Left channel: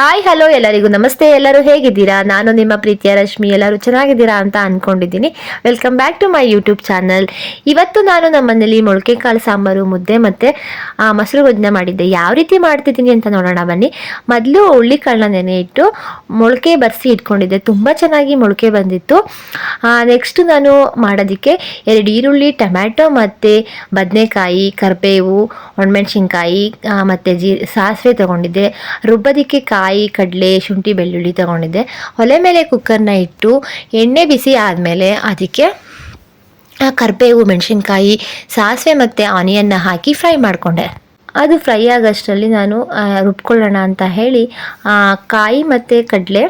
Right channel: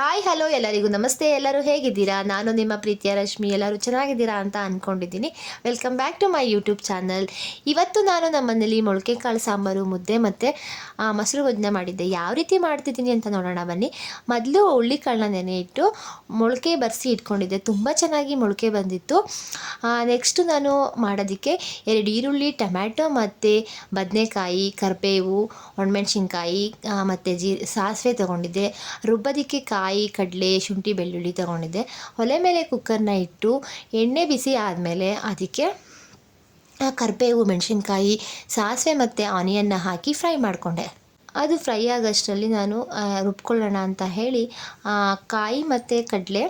Hi hello ಎಲ್ಲರಿಗೂ ನಮಸ್ತೆ. ಎಲ್ಲರೂ ಹೇಗಿದ್ದೀರಾ? ನಾನು ನಿಮ್ಮ ಪ್ರೀತಿಯ ರಶ್ಮಿ. ಎಲ್ಲರೂ ಚೆನ್ನಾಗಿದ್ದೀರಾ ಅಂತ ಅಂದ್ಕೊಂಡಿದ್ದೀನಿ. Welcome back to my YouTube channel. ಇವತ್ತು ನಾನು ನಮ್ಮನೇಲಿ ಮೊಳಕೆ ಕಾಳು ಸಾಂಬಾರು, ಮುದ್ದೆ ಮತ್ತು ಮೊಸರು ಗೊಜ್ಜನ್ನ ಮಾಡಿದ್ದೆ. ಯಾವ ರೀತಿ ಮಾಡ್ತಿದ್ದೀನಿ ಅಂತ ನೋಡೋಣ ಬನ್ನಿ. ಮೊದಲು ಹುಳ್ಳಿಕಾಳನ್ನ ನೆನೆ ಇಟ್ಟು ಮೊಳಕೆ ಬರೆಸಿ ಇಟ್ಕೊಂಡಿದ್ದೆ. ತುಂಬ ಚೆನ್ನಾಗಿ ಮೊಳಕೆ ಬಂದಿತ್ತು. ನೆಕ್ಸ್ಟು ನಾನು ಮಾಡೋದಕ್ಕೆ 2 ಈರುಳ್ಳಿ, ಟೊಮ್ಯಾಟೊ ಮತ್ತು ಬದನೆಕಾಯಿ, ಕರಿಬೇವು, ಒಣಮೆಣ್ಸಿನ್ಕಾಯಿ ಮತ್ತು ಸಾಸಿವೆ ತೊಗೊಂಡಿದ್ದೆ. ರುಬ್ಬೋದಕ್ಕೆ ಕಾಯಿ, ಕಡಲೆ, ಶುಂಠಿ, ಬೆಳ್ಳುಳ್ಳಿ ತೊಗೊಂಡಿದ್ದೆ. ಒಲೆ ಮೇಲೆ ಕುಕ್ಕರ್ನ ಇಟ್ಟು ಎಣ್ಣೆ ಬಿಸಿ ಆದಮೇಲೆ ಅದಕ್ಕೆ ಕರಿಬೇವು, ಮೆಣಸಿನ್ಕಾಯಿ, ಸಾಸಿವೆ ಮತ್ತು ಆನಿಯನ್ನ ಹಾಕಿ ಫ್ರೈ ಮಾಡಿಕೊಂಡೆ. ಅದು ಫ್ರೈ ಆಗೋಷ್ಟರಲ್ಲಿ ನಾನು ರುಬ್ಕೊಳ್ಳೋಣ ಅಂತ ಹೇಳಿ ಕಾಯಿ ಮತ್ತು ಕಡಲೆ,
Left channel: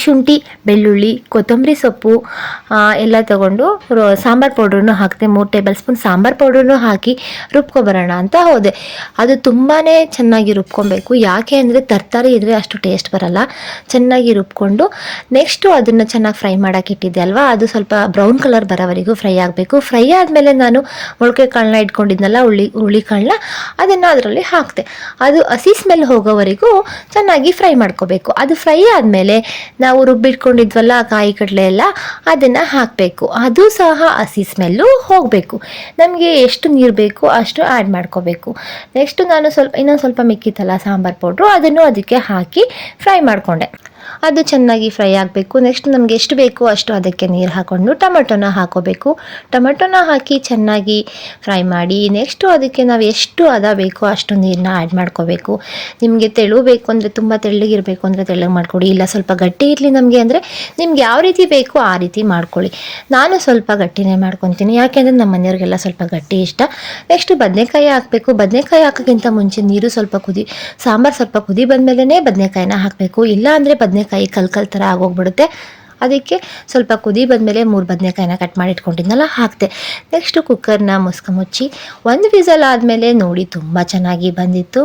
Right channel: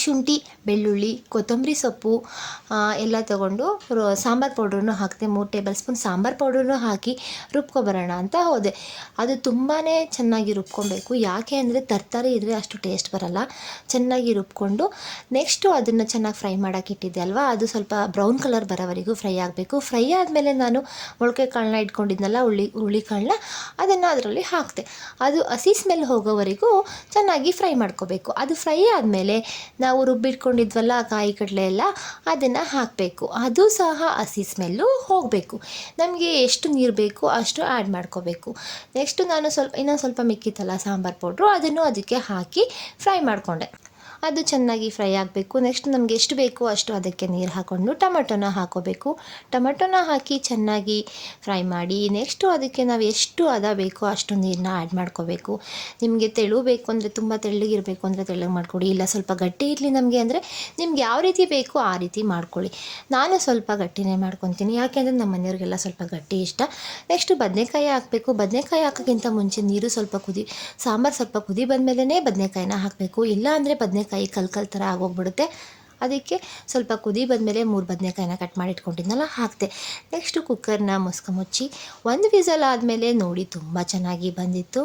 ಶುಂಠಿ, ಬೆಳ್ಳುಳ್ಳಿ, ಕೊತ್ತಂಬರಿ ಸೊಪ್ಪು ಎಲ್ಲ ತೊಗೊಂಡು ಸಾಂಬಾರು ಪೌಡ್ರನ್ನು ಹಾಕಿದೆ. 3 ಟೇಬಲ್ ಸ್ಪೂನ್ ಸಾಂಬಾರು ಪೌಡ್ರನ್ನು ಹಾಕಿ ರುಬ್ಕೊಬರೋಣ ಅಂತ ಹೋದೆ. ಅದು ತುಂಬಾ ಚೆನ್ನಾಗಿ ರುಬ್ಕೊಬೇಕು. ಯಾಕೆ ಅಂದರೆ ತರಕಾರಿ ಇದ್ದರೆ ಅಷ್ಟು ಟೇಸ್ಟ್ ಬರಲ್ಲ. ಚೆನ್ನಾಗಿ ರುಬ್ಕೊಂಡು ನೆಕ್ಸ್ಟು ಅದನ್ನು ಚೆನ್ನಾಗಿ ಫ್ರೈ ಮಾಡೋಕೆ ಇಟ್ಟಿದ್ದೆ ಅಲ್ವಾ, ಅದು ಸ್ವಲ್ಪ ಬ್ರೌನ್ ಕಲರ್ ಬರೋವರೆಗೂ ಫ್ರೈ ಆಗಬೇಕು. ಫ್ರೈ ಆದಮೇಲೆ ನಾನು ಮೊಳಕೆ ಕಾಳನ್ನ ಇಟ್ಕೊಂಡಿದ್ನಲ್ಲ, ಹುಳಿ ಕಾಳನ್ನ, ಅದನ್ನು ಅದರಲ್ಲಿ ಹಾಕಿದೆ. ಅದು ಹಸಿ ಸ್ಮೆಲ್ ಹೋಗೋವರೆಗೂ ಚೆನ್ನಾಗಿ ಫ್ರೈ ಮಾಡ್ಕೋಬೇಕು. ಅದು ಫ್ರೈ ಆದಮೇಲೆ ನಾವು ರುಬ್ಬಿಟ್ಕೊಂಡಿದ್ವಲ್ಲ ಕಾಯಿ ಕಡಲೆ ಎಲ್ಲ, ಅದನ್ನು ಹಾಕಬೇಕು. ಅದು ಸಹ ಹಸಿ ಸ್ಮೆಲ್ಲು ಹೋಗಬೇಕು. ನಮಗೆ ಎಷ್ಟು ನೀರು ಬೇಕು ಅಷ್ಟು ಆ್ಯಡ್ ಮಾಡ್ಕೋಬೇಕು. ನೆಕ್ಸ್ಟು ನಾನು ಇನ್ನೊಂದು ಸ್ವಲ್ಪ ಮಿಕ್ಕಿತ್ತಲ್ಲ ಸಾಂಬಾರು ಪೌಡ್ರು, ಅದನ್ನು ಅದಕ್ಕೆ ಹಾಕಿ ಫ್ರೈ ಮಾಡಿಕೊಂಡೆ. ಅದು ಚೆನ್ನಾಗಿ ಫ್ರೈ ಆಗಬೇಕು. ನೆಕ್ಸ್ಟ್ ನಮಗೆ ಎಷ್ಟು ಬೇಕು ಅಷ್ಟು ಅದಕ್ಕೆ ನೀರು ಹಾಕ್ಕೊಂಡು ಟೊಮೆಟೊನ ಹಾಕೋಬೇಕು. ಟೊಮೆಟೊನ ಹಾಕಿ ಚೆನ್ನಾಗಿ ಫ್ರೈ ಮಾಡಿ ನೆಕ್ಸ್ಟು ಅದಕ್ಕೆ ನಾವು ಎಷ್ಟು ಬೇಕೋ ಅಷ್ಟು ನೀರನ್ನ ಆ್ಯಡ್ ಮಾಡ್ಕೋಬೇಕು. ನಿಮಗೆ ತೆಳು ಬೇಕು ಅಂದರೆ, ತುಂಬ ತೆಳ್ಳಗಿರಬೇಕು ಅಂದರೆ ತೆಳ್ಳಗೆ ಮಾಡ್ಕೊಳ್ಳಿ, ಇಲ್ಲ ಸ್ವಲ್ಪ ಗಟ್ಟಿ ಇರಲಿ ನಮಗೆ ಅಂದರೆ ನಿಮ್ಗೆ ಯಾವ ರೀತಿ ಬೇಕೋ ಆ ರೀತಿ ಮಾಡ್ಕೊಳ್ಳಿ. ನಾನು ಸ್ವಲ್ಪ ಗಟ್ಟಿನೇ ಮಾಡ್ಕೊತೀನಿ, ಯಾಕೆಂದರೆ ನಮ್ಮ ಮನೆಯವ್ರಿಗೆಲ್ಲ ಸ್ವಲ್ಪ ಗಟ್ಟಿ ಇಷ್ಟ. ನೆಕ್ಸ್ಟು ಬದನೆಕಾಯಿ ಹಾಕಬೇಕು. ಬದನೆಕಾಯಿ ಹಾಕೋಕ್ಕಿಂತ ಮುಂಚೆ ನೀರು ಸ್ವಲ್ಪ ಸಾಂಬಾರು ಸ್ವಲ್ಪ ಕುದಿ ಬಂದಮೇಲೆ ಬದನೆಕಾಯಿನ ಹಾಕಬೇಕು. ಇಲ್ಲ ಅಂದರೆ ಬದನೆಕಾಯಿ ಕಲ್ ಥರ ಆಗೋಗ್ಬಿಡುತ್ತೆ. ಅದಕ್ಕೆ ಸ್ವಲ್ಪ ಕುದಿ ಬಂದಮೇಲೆ 3 ಬದನೆಕಾಯಿನ ಕಟ್ ಮಾಡಿ ಇಟ್ಕೊಂಡಿದ್ನಲ್ಲ ಹಾಕಿದೆ. ನೆಕ್ಸ್ಟು ಕುಕ್ಕರ್ನ ಮುಚ್ಚಿ 1 ವಿಸಲ್ ಆದಮೇಲೆ ನೋಡಿ ತುಂಬ ಚೆನ್ನಾಗಿ ಬಂದಿತ್ತು.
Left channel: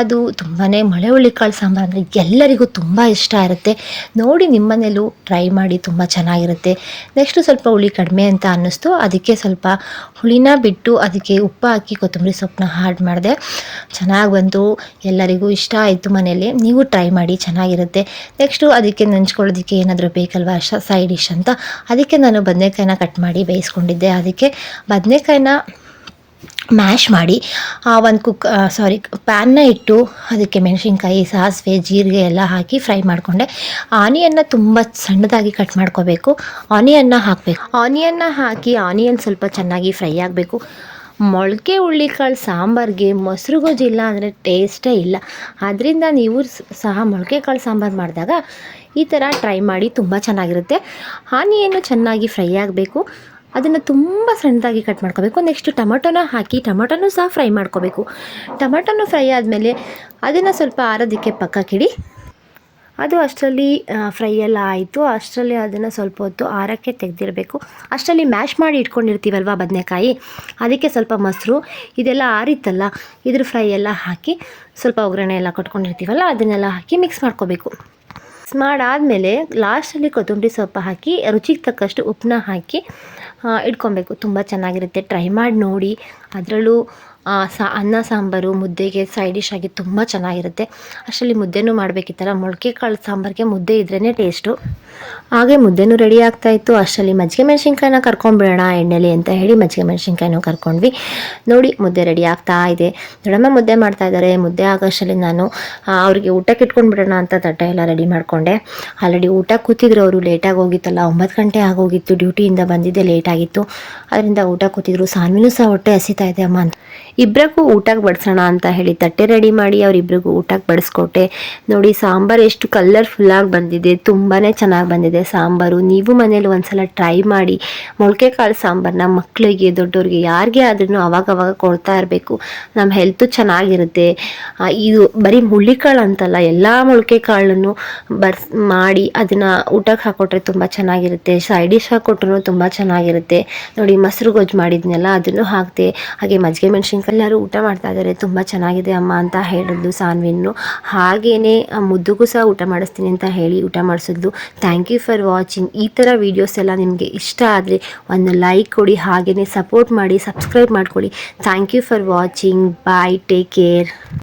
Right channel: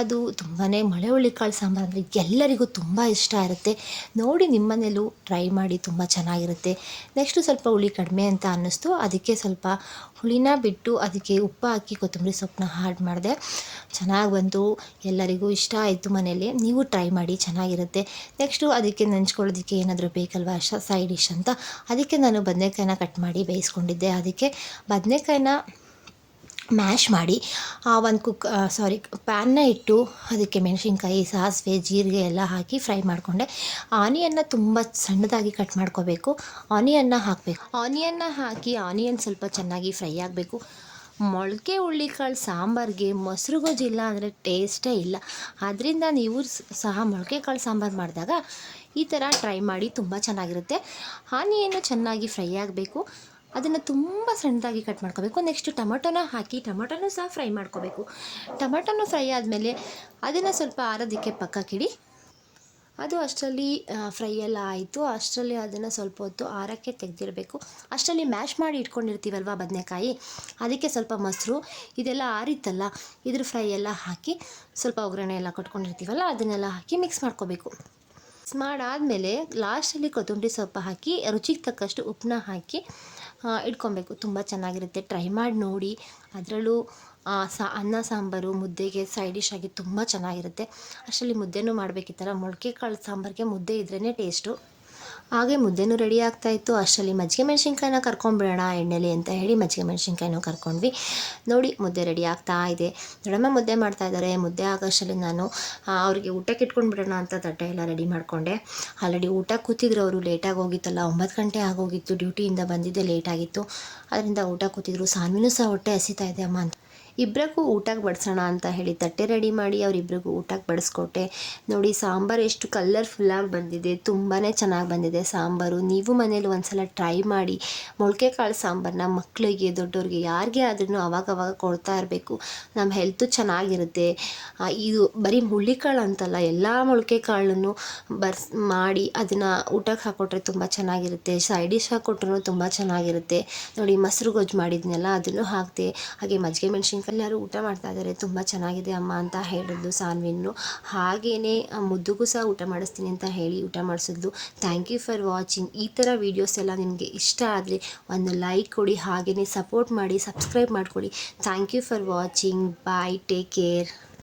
ಅದು ತುಂಬಾ ಮಳೆ ಹುಳ್ಳಿಕಾಳು ಸಾಂಬಾರು ಅಂದರೆ ಎಲ್ಲರಿಗೂ ತುಂಬ ಇಷ್ಟ ಇರುತ್ತೆ. ನೋಡಿ ನಿಮ್ಮನೇಲೂ ಟ್ರೈ ಮಾಡಿ, ತುಂಬ ಚೆನ್ನಾಗಿರುತ್ತೆ. ನೆಕ್ಸ್ಟು ಸ್ವಲ್ಪ ಹುಳಿ ಕಡಿಮೆ ಅಂತ ಅನ್ನಿಸ್ತು, ಅದಕ್ಕೆ ಸ್ವಲ್ಪ ಹುಳಿನ ಬಿಟ್ಟು ಅದಕ್ಕೆ ಉಪ್ಪು ಹಾಕಿ ಕೊತ್ತಂಬರಿ ಸೊಪ್ಪನ್ನ ಆ್ಯಡ್ ಮಾಡಿದೆ. ಚೆನ್ನಾಗಿ ಬಂತು, ಎಲ್ಲರಿಗೂ ಇಷ್ಟ ಆಯಿತು ಮನೆಯಲ್ಲಿ. ನೀವು ಟ್ರೈ ಮಾಡಿ, ಚೆನ್ನಾಗಿರುತ್ತೆ. ನೆಕ್ಸ್ಟು ಅದಕ್ಕೆ ನೆಂಚ್ಕೊಳ್ಳೋದಕ್ಕೆ ಏನಾದರೂ ಬೇಕಲ್ವ ಸೈಡ್ ಡಿಶ್ ಅಂತ, ಅದಕ್ಕೆ ನಾನು ಬದನೆಕಾಯಿನ ಕಟ್ ಮಾಡಿ ಬೇಯಿಸ್ಕೊಂಡಿದ್ದೆ. ಅದಕ್ಕೆ ಬದನೆಕಾಯಿನ ಮ್ಯಾಶ್ ಮಾಡಿ ಪ್ಯಾನ್ನ ಇಟ್ಟು ಅದಕ್ಕೆ ಮೆಣಸಿನ್ಕಾಯಿ, ಸಾಸಿವೆ, ಜೀರಿಗೆ ಎಲ್ಲ ಹಾಕಿ ಫ್ರೈ ಮಾಡಿಕೊಂಡೆ. ಆನಿಯನ್ನ ತುಂಬ ಸಣ್ಣದಾಗಿ ಕಟ್ ಮಾಡ್ಕೋಬೇಕು. ಆನಿಯನ್ನ ಹಾಕಬೇಕು. ಆನಿಯನ್ನ ಹಾಕಿ ಆನಿಯನ್ ಸ್ವಲ್ಪ ಚೆನ್ನಾಗಿ ಫ್ರೈ ಆಗಬೇಕು. ಮೊಳಕೆ ಹುಳ್ಳಿಕಾಳು ಸಾಂಬಾರಿಗೆ ಮೊಸರು ಗೊಜ್ಜಿಲ್ಲ ಅಂದರೆ ಟೇಸ್ಟೇ ಇಲ್ಲ. ಆದ್ದರಿಂದ ನೀವು ಸಹ ಮೊಳಕೆ ಕಾಳು ಸಾಂಬಾರು ಮಾಡಿದಾಗ ಈ ಥರ ಟ್ರೈ ಮಾಡಿ, ತುಂಬ ಚೆನ್ನಾಗಿರುತ್ತೆ. ಆನಿಯನ್ನು ಚೆನ್ನಾಗಿ ಫ್ರೈ ಆಗಬೇಕು. ಅದನ್ನು ತುಂಬ ಸಣ್ಣದಾಗಿ ಕಟ್ ಮಾಡ್ಕೋಬೇಕು. ನೆಕ್ಸ್ಟು ಟೊಮೊಟೊನ ಹಾಕಿ ಟೊಮೊಟೊನೂ ಸಹ ಫ್ರೈ ಮಾಡ್ಕೋಬೇಕು. ಟೊಮೊಟೊನೂ ಫ್ರೈ ಆದಮೇಲೆ ಅದನ್ನು ಸ್ವಲ್ಪ ಆರೋದಕ್ಕೆ ಪಕ್ಕಕ್ಕಿಡಿ. ಅದು ಅಷ್ಟರಲ್ಲಿ ಫ್ರೈ ಎಲ್ಲ ಆಯಿತು. ಅಷ್ಟರಲ್ಲಿ ಅದನ್ನು ಸ್ವಲ್ಪ ಹೊತ್ತು ಆರಕ್ಕೆ ತೆಗೆದಿರಬೇಕು. ಅಷ್ಟರಲ್ಲಿ ಮ್ಯಾಶ್ ಮಾಡಿ ಇಟ್ಕೊಂಡಿರ್ತೀವಲ್ವ ಬದನೆಕಾಯಿ, ಅದಕ್ಕೆ ಸ್ವಲ್ಪ ಮೊಸರು ಇದೆಲ್ಲ ಆರಿತ್ತಲ್ಲ, ಇದ್ರ ಫ್ರೈ ಎಲ್ಲ ಹಾಕಿ ಸ್ವಲ್ಪ ಒಗ್ಗರಣೆ ಎಲ್ಲ ಕೊಟ್ಕೊಂಡಿರ್ತೀವಲ್ಲ ಅದನ್ನೆಲ್ಲ ಹಾಕಿ ಮಿಕ್ಸ್ ಮಾಡ್ಕೋಬೇಕು. ಮಿಕ್ಸ್ ಮಾಡಾದಮೇಲೆ ಲಾಸ್ಟಲ್ಲಿ ಕೊತ್ತಂಬರಿ ಸೊಪ್ಪು ಹಾಕಿ ರುಚಿಗೆ ತಕ್ಕಷ್ಟು ಉಪ್ಪನ್ನ ಹಾಕಿ ಇಟ್ಕೊಬೇಕು. ತುಂಬ ಚೆನ್ನಾಗಿರುತ್ತೆ, ಟ್ರೈ ಮಾಡಿ ನೋಡಿ. ಅದರಲ್ಲೂ ಅನ್ನ ಸಾಂಬಾರು ಮುದ್ದೆಗೆ ಸೈಡ್ ಡಿಶ್ ಆಗಿ ತುಂಬ ಚೆನ್ನಾಗಿರುತ್ತೆ. ಅಷ್ಟರಲ್ಲಿ ಮುದ್ದೆನೂ ಮಾಡಬೇಕಿತ್ತಲ್ಲ, ಮೊಳಕೆ ಕಾಳು ಸಾಂಬಾರಿಗೆ ಮುದ್ದೆ ಇದ್ರೇ ಟೇಸ್ಟು. ಹಾಗೆ ಮುದ್ದೆನೂ ರೆಡಿ ಆಗ್ತಾಯಿತ್ತು. ಅಷ್ಟರಲ್ಲಿ ಮಜ್ಜಿಗೆ ಮೆಣಸಿನ್ಕಾಯಿನ ಕರ್ಕೊಂಡ್ಬಿಡೋಣ ಎಣ್ಣೆಲಿ ಅಂತ ಹೇಳಿ ಮಜ್ಜಿಗೆ ಮೆಣಸಿನ್ಕಾಯಿನೂ ಕರ್ಕೊಂಡ್ವಿ. ನೋಡಿ ಮುದ್ದೆ ರೆಡಿ ಆಗ್ತಾ ಇದೆ. ದೊಡ್ಡಮ್ಮ ಮುದ್ದೆ ಮಾಡ್ತಾಯಿದ್ದಾರೆ. ಮುದ್ದೆ ಆಗೋಷ್ಟರಲ್ಲಿ ನಾನು ಅವ್ರಿಗೆ ಊಟಕ್ಕೆ ಇಟ್ಕೊಂಡ್ಬಿಡೋಣ ಅಂತ ತಟ್ಟೆ ಎಲ್ಲ ರೆಡಿ ಮಾಡಿಕೊಂಡೆ. ಆಲ್ರೆಡಿ ಊಟ ಕೂತಿದ್ರು ಅವರು. ಲೇಟಾಗಿ ಹೋಗಿತ್ತಲ್ಲ, 9 ಗಂಟೆ ಆಗೋಗಿತ್ತು. ಡ್ಯೂಟಿಯಿಂದ ಬಂದಿದ್ದೆ ಲೇಟಾಗಿತ್ತು, ಅದರಿಂದ ಊಟ ಕೂತಿದ್ರು. ಸಾನ್ವಿನೂ ಸಹ ಹೊಟ್ಟೆ ಹಸಿತಾ ಇದೆ ಅಮ್ಮ ಅಂತ ಇಬ್ಬರಿಗೂ ಊಟಕ್ಕೆ ಬಡಿಸೋಣ ಅಂತ ಹೇಳಿ ತಟ್ಟೆ ರೆಡಿ ಮಾಡಿ ಅವರಿಬ್ಬರಿಗೂ ಊಟಕ್ಕೆ ಬಡಿಸ್ಕೊಟ್ಟೆ. ನೋಡಿ ಸಾಂಬಾರು ಎಷ್ಟು ಕಲರ್ಫುಲ್ಲಾಗಿ ಬಂದಿದೆ, ತುಂಬಾ ಚೆನ್ನಾಗಿ ಬಂದಿದೆ ಸಾಂಬಾರು. ನೀವು ಮನೇಲಿ ಒಂದ್ಸಲ ಟ್ರೈ ಮಾಡಿ. ಮೊಳಕೆ ಕಾಳು ಸಾಂಬಾರನ್ನ ಮಕ್ಕಳಿಗೆ, ದೊಡ್ಡವ್ರಿಗೆ, ಯಾರಿಗೆ ಆದ್ರೂ ಅವಾಗವಾಗ ಕೊಡ್ತಾ ಇರಬೇಕು. ನಮ್ಮ ಹೆಲ್ತು ಚೆನ್ನಾಗಿರುತ್ತೆ. ಇದು ಬರೀ ಹುಳ್ಳಿಕಾಳು ಅಂತಲ್ಲ, ಎಲ್ಲ ಮೊಳಕೆ ಕಾಳನ್ನು ಮಾಡಿ ಅದನ್ನು ಊಟಕ್ಕೆ ಹಾಕ್ಕೊಟ್ರೆ ತುಂಬ ಚೆನ್ನಾಗಿರುತ್ತೆ. ಸೈಡ್ ಡಿಶ್ ಹಾಕ್ಕೊಟ್ರು ತುಂಬ ಚೆನ್ನಾಗಿರುತ್ತೆ. ನೋಡಿ ಮೊಸರು ಗೊಜ್ಜು ಮಾಡಿದ್ನೆಲ್ಲ ಅದನ್ನು ಹಾಕಿದೆ. ಹಾಗೆ ಮಜ್ಜಿಗೆ ಮೆಣಸಿನ್ಕಾಯಿ ಎಲ್ಲರೂ ಊಟ ಮಾಡ್ತಾ ಇದ್ದಾರೆ. ತುಂಬ ಚೆನ್ನಾಗಿದೆ ಅಮ್ಮ ಅಂತ ಹೇಳಿದ್ಲು ಸಾನ್ವಿನ್ನು. ಹಾಗೆಯೇ ಮುದ್ದುಗೂ ಸಹ ಊಟ ಮಾಡಿಸ್ತೀನಿ ಅಂತ ಹೇಳಿ ಊಟ ಮಾಡಿಸಿದ್ಲು. Thank you for watching. ಈ ಥರ ವೀಡಿಯೋಸ್ ಎಲ್ಲ ನಿಮಗೆ ಇಷ್ಟ ಆದರೆ ಒಂದು ಲೈಕ್ ಕೊಡಿ, ಹಾಗೆಯೇ ಸಪೋರ್ಟ್ ಮಾಡಿ, ಸಬ್ಸ್ಕ್ರೈಬ್ ಮಾಡ್ಕೊಳ್ಳಿ. Thank you for watching. Bye, take care.